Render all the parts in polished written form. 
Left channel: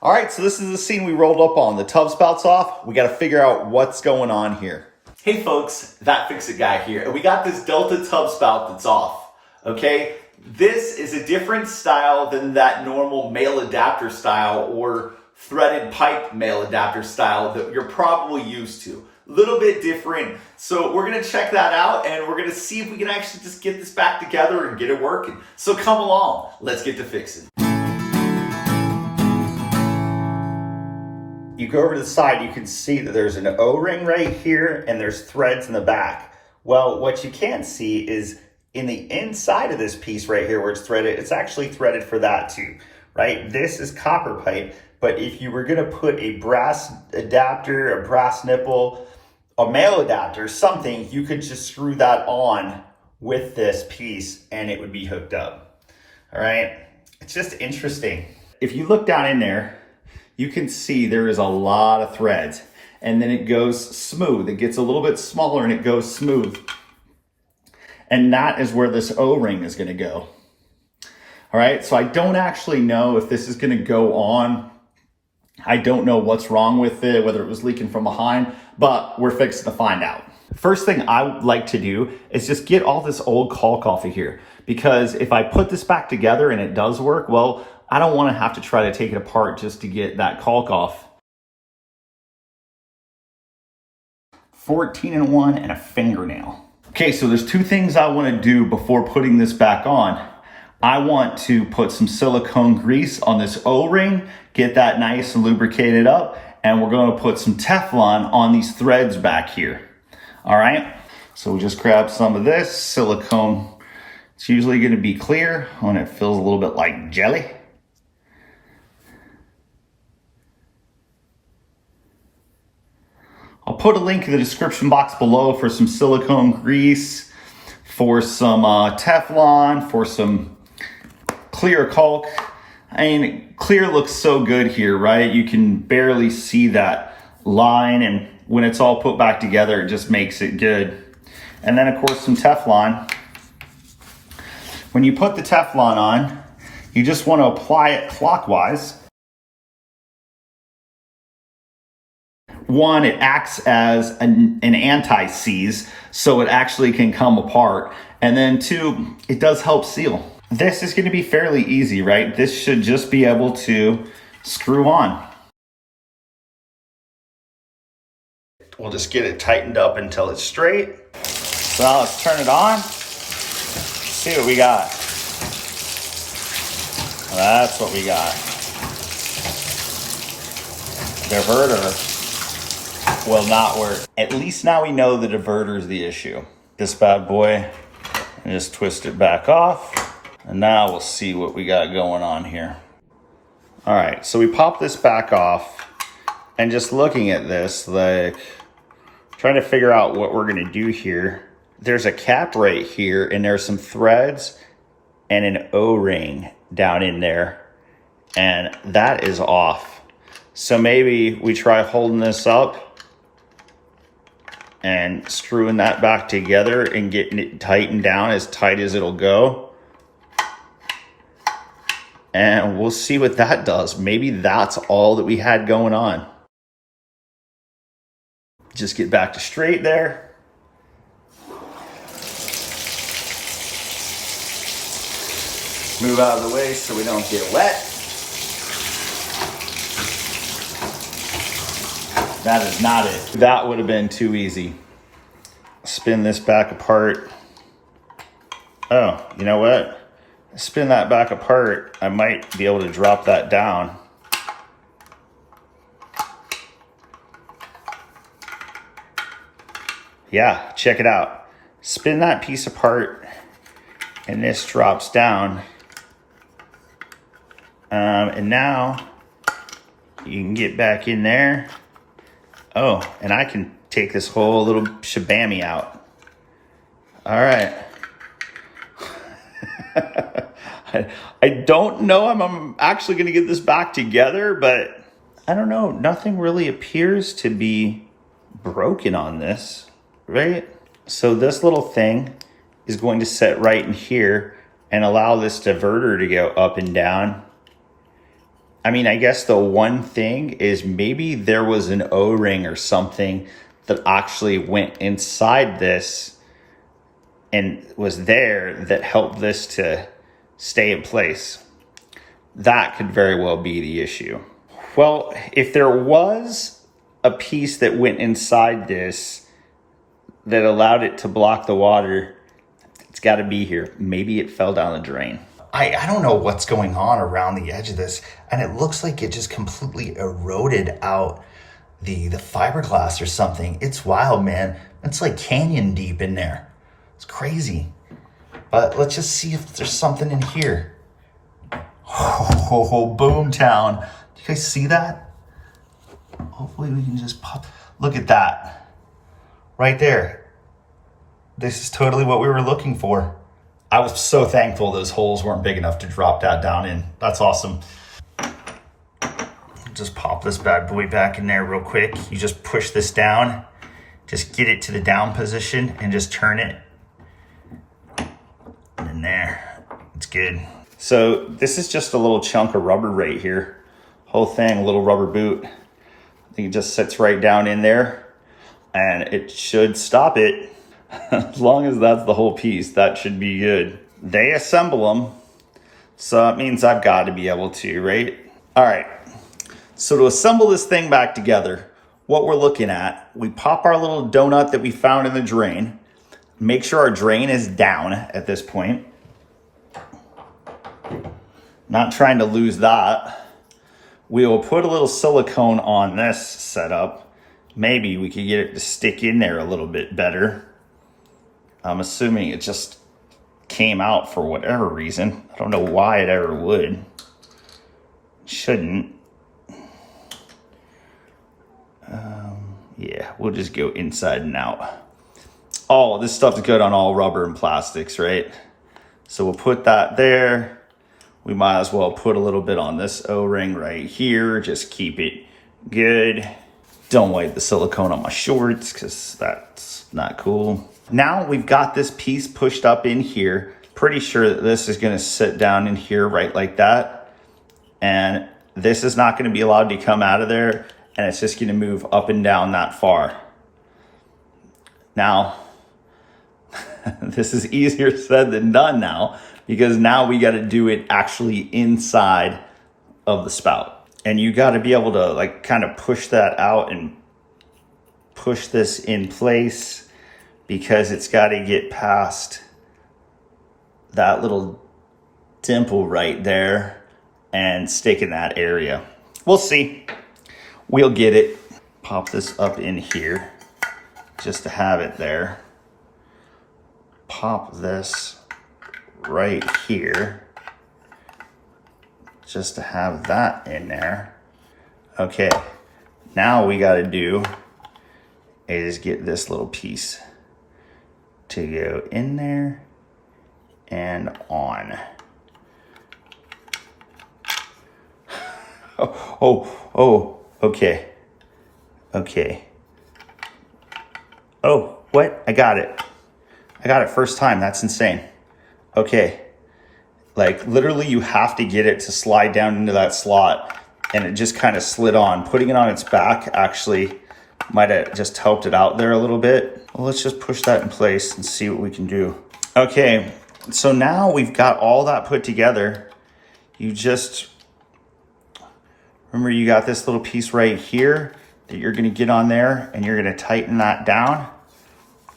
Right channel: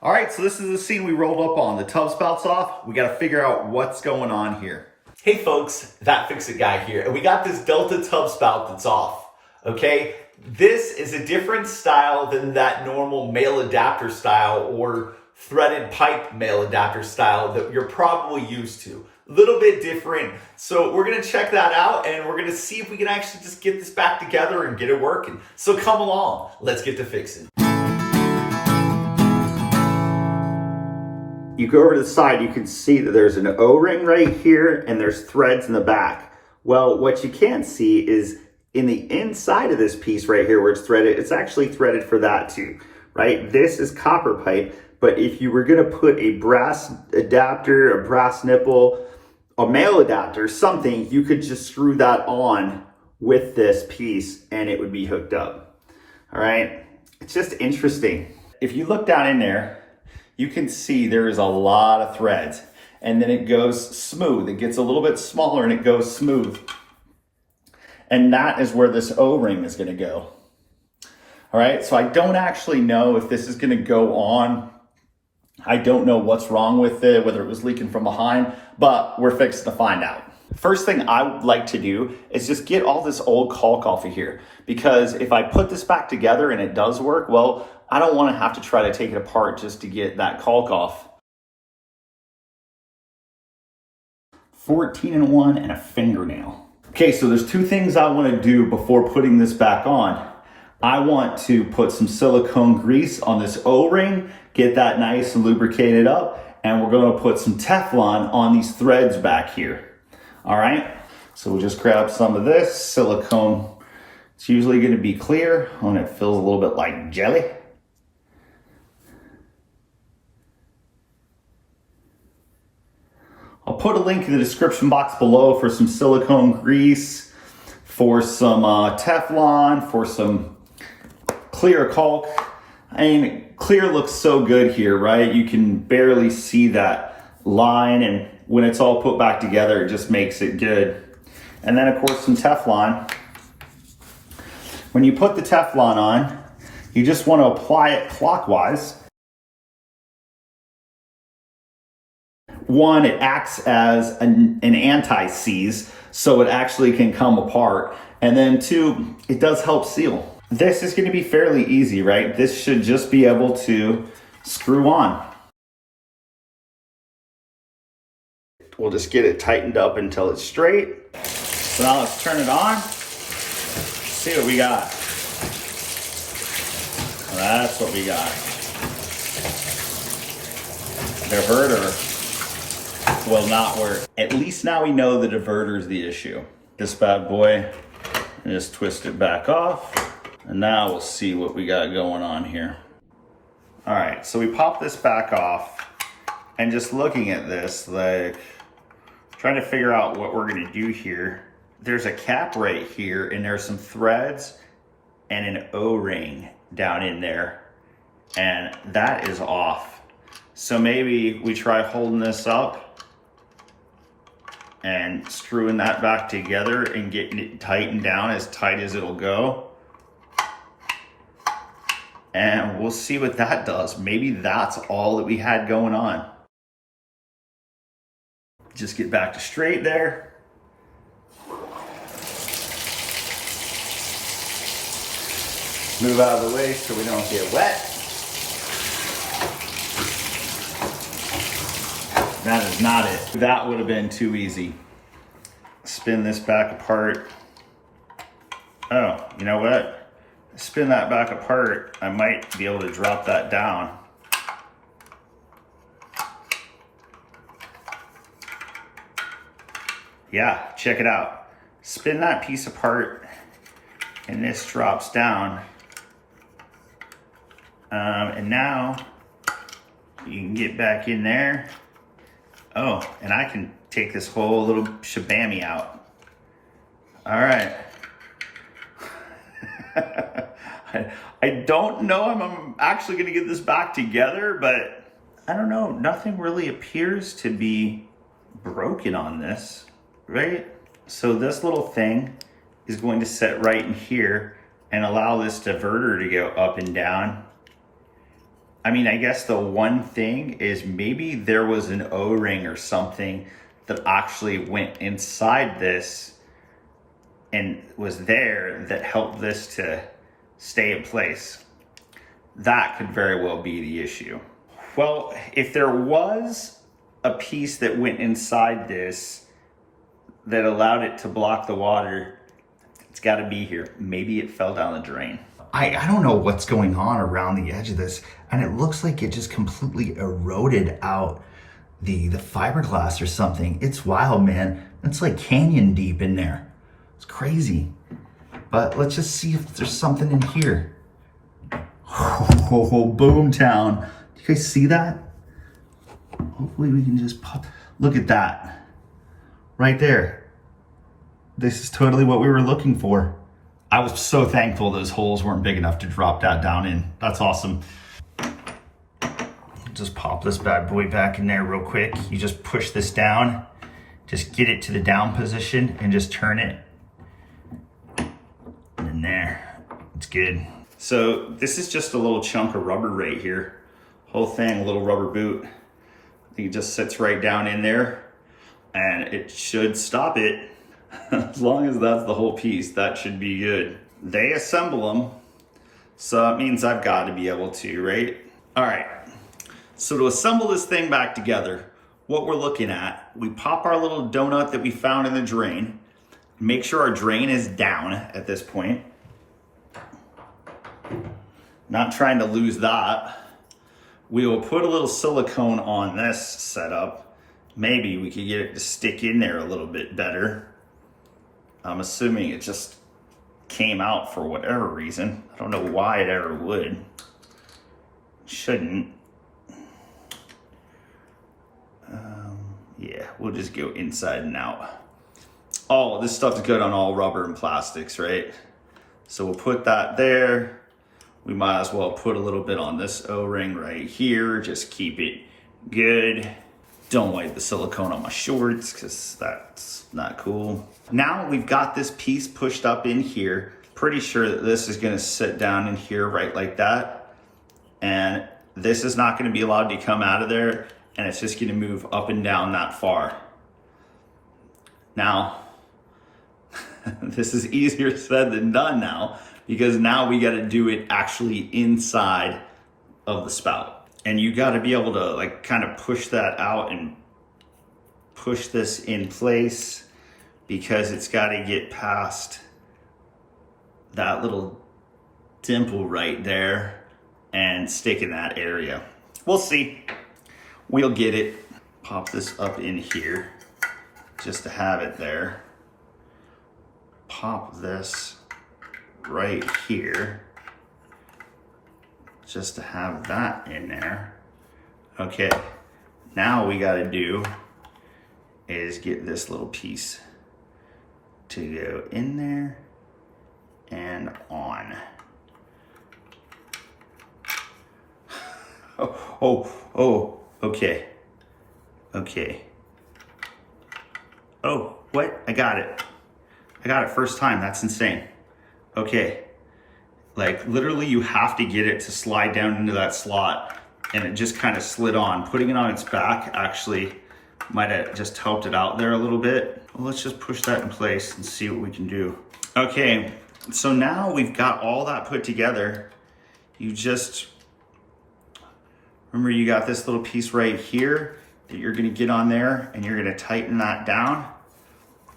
All right, so this is the scene we rolled up on. The tub spout's off. We got to figure out what's going on here. Hey folks, That Fix It Guy here, and we got this Delta tub spout that's off, okay? This is a different style than that normal male adapter style or threaded pipe male adapter style that you're probably used to. A little bit different. So we're gonna check that out and we're gonna see if we can actually just get this back together and get it working. So come along, let's get to fixing. You go over to the side, you can see that there's an O-ring right here and there's threads in the back. Well, what you can't see is in the inside of this piece right here where it's threaded, it's actually threaded for that too, right? This is copper pipe, but if you were gonna put a brass adapter, a brass nipple, a male adapter, something, you could just screw that on with this piece and it would be hooked up, all right? It's just interesting. If you look down in there, you can see there is a lot of threads and then it goes smooth. It gets a little bit smaller and it goes smooth. And that is where this O-ring is gonna go. All right, so I don't actually know if this is gonna go on. I don't know what's wrong with it, whether it was leaking from behind, but we're fixing to find out. First thing I would like to do is just get all this old caulk off of here, because if I put this back together and it does work, well, I don't want to have to try to take it apart just to get that caulk off. 14-in-1 and a fingernail. Okay, so there's two things I want to do before putting this back on. I want to put some silicone grease on this O-ring, get that nice and lubricated up, and we're going to put some Teflon on these threads back here. All right, so we'll just grab some of this silicone. It's usually going to be clear when it feels a little bit like jelly. I'll put a link in the description box below for some silicone grease, for some Teflon, for some clear caulk. I mean, clear looks so good here, right? You can barely see that line, and when it's all put back together, it just makes it good. And then of course some Teflon. When you put the Teflon on, you just want to apply it clockwise. One, it acts as an anti-seize, so it actually can come apart. And then two, it does help seal. This is going to be fairly easy, right? This should just be able to screw on. We'll just get it tightened up until it's straight. So now let's turn it on. See what we got. That's what we got. Diverter will not work. At least now we know the diverter is the issue. This bad boy, just twist it back off. And now we'll see what we got going on here. All right, so we pop this back off, and just looking at this, like trying to figure out what we're gonna do here. There's a cap right here, and there's some threads and an O-ring down in there, and that is off. So maybe we try holding this up and screwing that back together and getting it tightened down as tight as it'll go. And we'll see what that does. Maybe that's all that we had going on. Just get back to straight there. Move out of the way so we don't get wet. That is not it. That would have been too easy. Spin this back apart. Oh, you know what? Spin that back apart. I might be able to drop that down. Yeah, check it out. Spin that piece apart and this drops down. And now you can get back in there. Oh, and I can take this whole little shabammy out. All right. I don't know if I'm actually going to get this back together, but I don't know. Nothing really appears to be broken on this, right? So this little thing is going to set right in here and allow this diverter to go up and down. I mean, I guess the one thing is maybe there was an O-ring or something that actually went inside this and was there that helped this to stay in place. That could very well be the issue. Well, if there was a piece that went inside this that allowed it to block the water, it's got to be here. Maybe it fell down the drain. I don't know what's going on around the edge of this, and it looks like it just completely eroded out the fiberglass or something. It's wild, man. It's like canyon deep in there. It's crazy. But let's just see if there's something in here. Oh, Boomtown. Do you guys see that? Hopefully we can just pop. Look at that. Right there. This is totally what we were looking for. I was so thankful those holes weren't big enough to drop that down in. That's awesome. Just pop this bad boy back in there real quick. You just push this down, just get it to the down position and just turn it. And in there, it's good. So this is just a little chunk of rubber right here. Whole thing, a little rubber boot. I think it just sits right down in there and it should stop it. As long as that's the whole piece, that should be good. They assemble them, so that means I've got to be able to, right? All right, so to assemble this thing back together, what we're looking at, we pop our little donut that we found in the drain, make sure our drain is down at this point. Not trying to lose that. We will put a little silicone on this setup. Maybe we could get it to stick in there a little bit better. I'm assuming it just came out for whatever reason. I don't know why it ever would. Shouldn't. Yeah, we'll just go inside and out. Oh, this stuff's good on all rubber and plastics, right? So we'll put that there. We might as well put a little bit on this O-ring right here. Just keep it good. Don't wipe the silicone on my shorts because that's not cool. Now we've got this piece pushed up in here. Pretty sure that this is gonna sit down in here right like that. And this is not gonna be allowed to come out of there, and it's just gonna move up and down that far. Now, this is easier said than done now, because now we gotta do it actually inside of the spout. And you gotta be able to like kind of push that out and push this in place, because it's got to get past that little dimple right there and stick in that area. We'll see. We'll get it. Pop this up in here just to have it there. Pop this right here just to have that in there. Okay, now we got to do is get this little piece to go in there and on. Okay. Oh, what? I got it first time. That's insane. Okay. Like literally you have to get it to slide down into that slot, and it just kind of slid on. Putting it on its back actually might have just helped it out there a little bit. Well, let's just push that in place and see what we can do. Okay, so now we've got all that put together. You just, remember you got this little piece right here that you're gonna get on there, and you're gonna tighten that down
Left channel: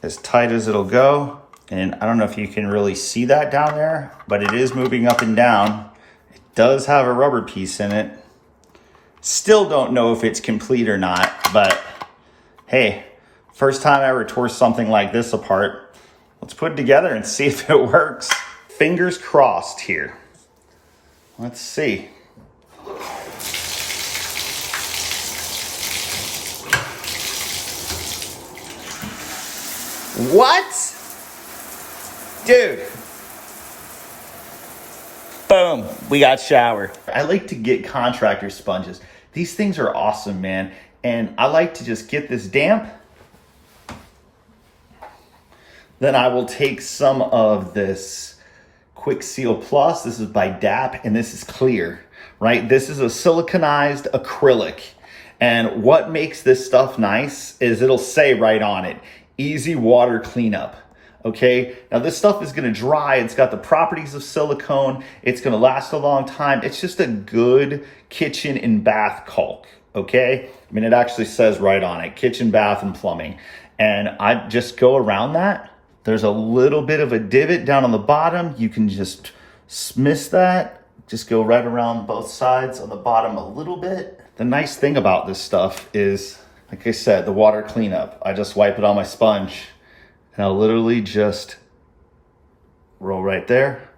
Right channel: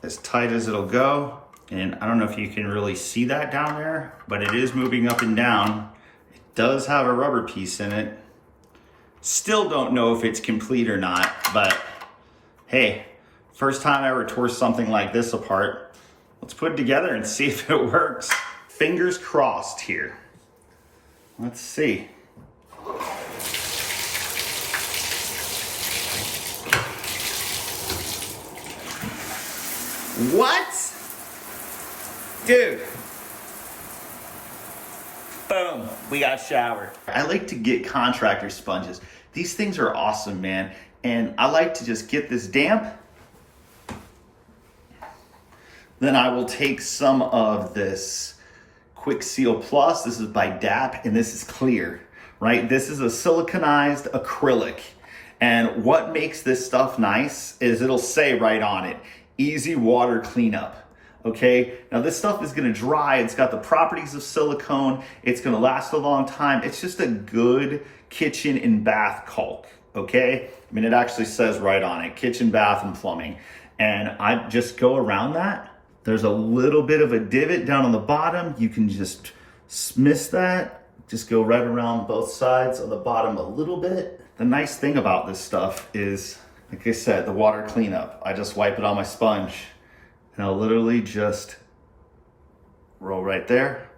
as tight as it'll go. And I don't know if you can really see that down there, but it is moving up and down. It does have a rubber piece in it. Still don't know if it's complete or not, but hey, first time I ever tore something like this apart. Let's put it together and see if it works. Fingers crossed here. Let's see. What? Dude. Boom, we got showered. I like to get contractor sponges. These things are awesome, man. And I like to just get this damp. Then I will take some of this Quick Seal Plus. This is by DAP, and this is clear. right? This is a siliconized acrylic. And what makes this stuff nice is it'll say right on it, easy water cleanup. Okay, now this stuff is gonna dry. It's got the properties of silicone. It's gonna last a long time. It's just a good kitchen and bath caulk, okay? I mean, it actually says right on it, kitchen, bath, and plumbing. And I just go around that. There's a little bit of a divot down on the bottom. You can just miss that. Just go right around both sides on the bottom a little bit. The nice thing about this stuff is, like I said, the water cleanup. I just wipe it on my sponge. And I'll literally just roll right there,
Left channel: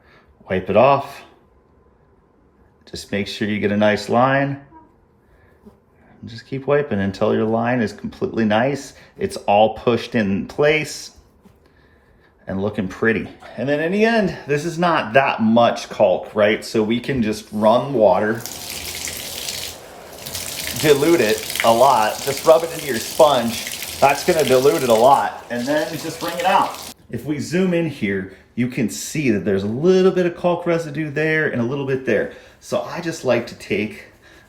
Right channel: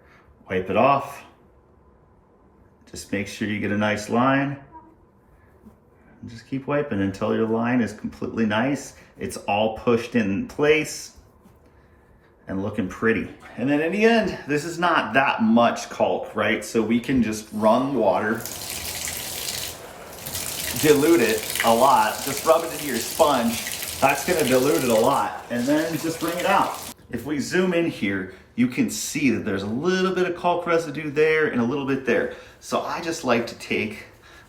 wipe it off. Just make sure you get a nice line. And just keep wiping until your line is completely nice. It's all pushed in place and looking pretty. And then in the end, this is not that much caulk, right? So we can just run water, dilute it a lot, just rub it into your sponge. That's gonna dilute it a lot, and then just bring it out. If we zoom in here, you can see that there's a little bit of caulk residue there and a little bit there. So I just like to take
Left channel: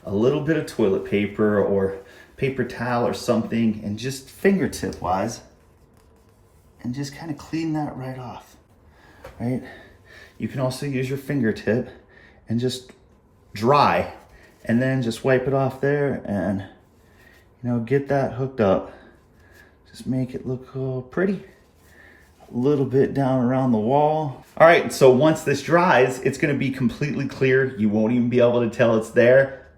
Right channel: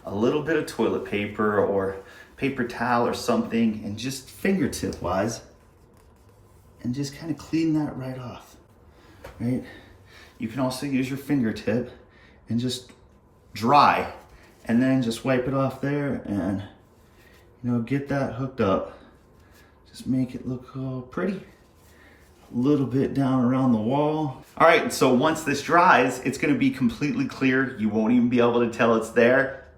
a little bit of toilet paper or paper towel or something and just fingertip wise, and just kind of clean that right off, right? You can also use your fingertip and just dry, and then just wipe it off there and, you know, get that hooked up. Just make it look all pretty. A little bit down around the wall. All right, so once this dries, it's gonna be completely clear. You won't even be able to tell it's there,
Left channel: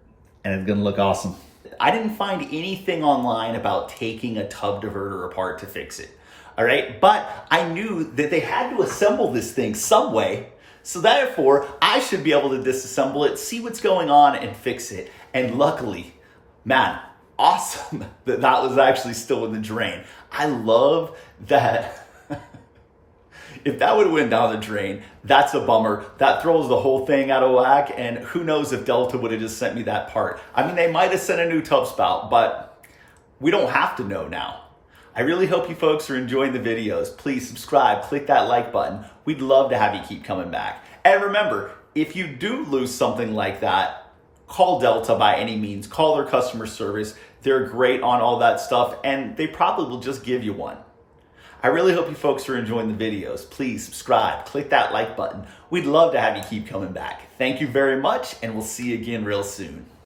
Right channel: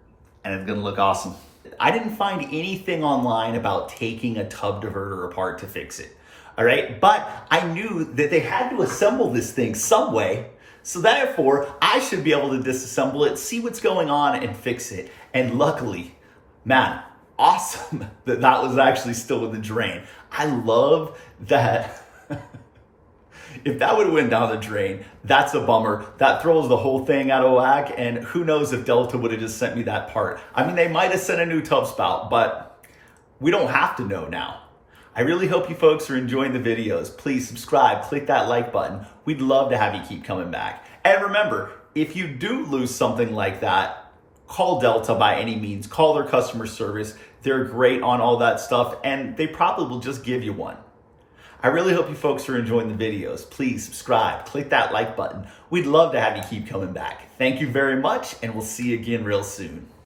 and it's gonna look awesome. I didn't find anything online about taking a tub diverter apart to fix it, all right? But I knew that they had to assemble this thing some way, so therefore, I should be able to disassemble it, see what's going on, and fix it. And luckily, man, awesome that that was actually still in the drain. I love that. If that would have went down the drain, that's a bummer. That throws the whole thing out of whack, and who knows if Delta would have just sent me that part. I mean, they might have sent a new tub spout, but we don't have to know now. I really hope you folks are enjoying the videos. Please subscribe, click that like button. We'd love to have you keep coming back. And remember, if you do lose something like that, call Delta by any means. Call their customer service. They're great on all that stuff, and they probably will just give you one. I really hope you folks are enjoying the videos. Please subscribe, click that like button. We'd love to have you keep coming back. Thank you very much, and we'll see you again real soon.